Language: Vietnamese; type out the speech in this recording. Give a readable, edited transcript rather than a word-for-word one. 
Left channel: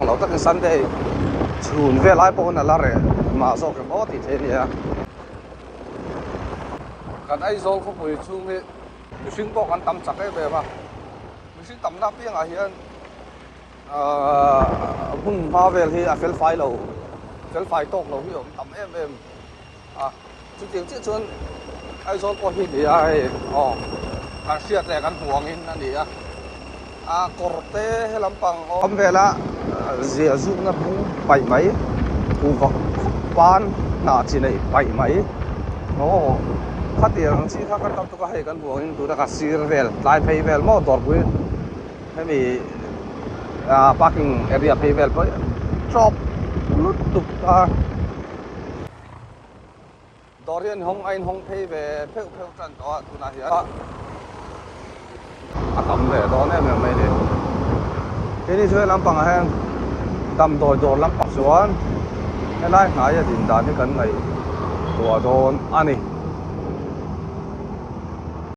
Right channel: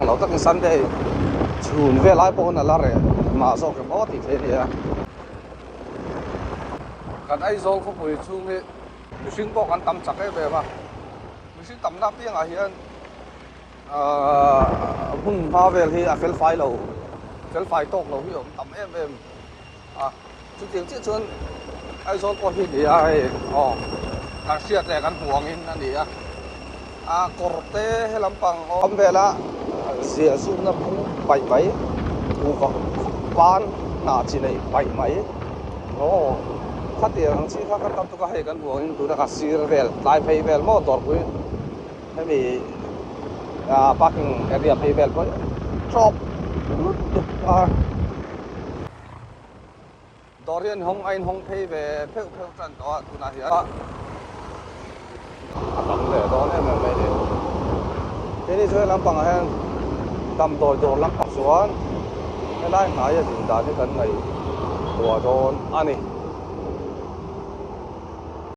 lâu tất cái Sunday chuồn về lại bộ là rồi mà do cái đó thì thế này còn ai do không phải chung thì mình xin có căn tầm chắc cái về mà mình xin tầm nắp tiếng à hiện hun hoa về thì à phèn phai tóc lâu hiểu tầm em à chú tiếng chết chân ai do có hiện thì ai càng siết này càng huang in anh đi korte hay lampang om về là dễ dùng nó bảy mấy vật ban nã chỉ này bảy mấy phát tiền chỉ các con tụi hay con huang tụi ta xir về lại pay về mà đổ rồi thế vì parking area pay về rồi drop tụt pa Dorian hong anh hong pay về phèo chân đó tụi này á tầm về đó mấy đi thế thì chơi làm bằng hàng tầm rồi lắc bạc xuống cái lái phải thì đã cái cần này của đồ anh này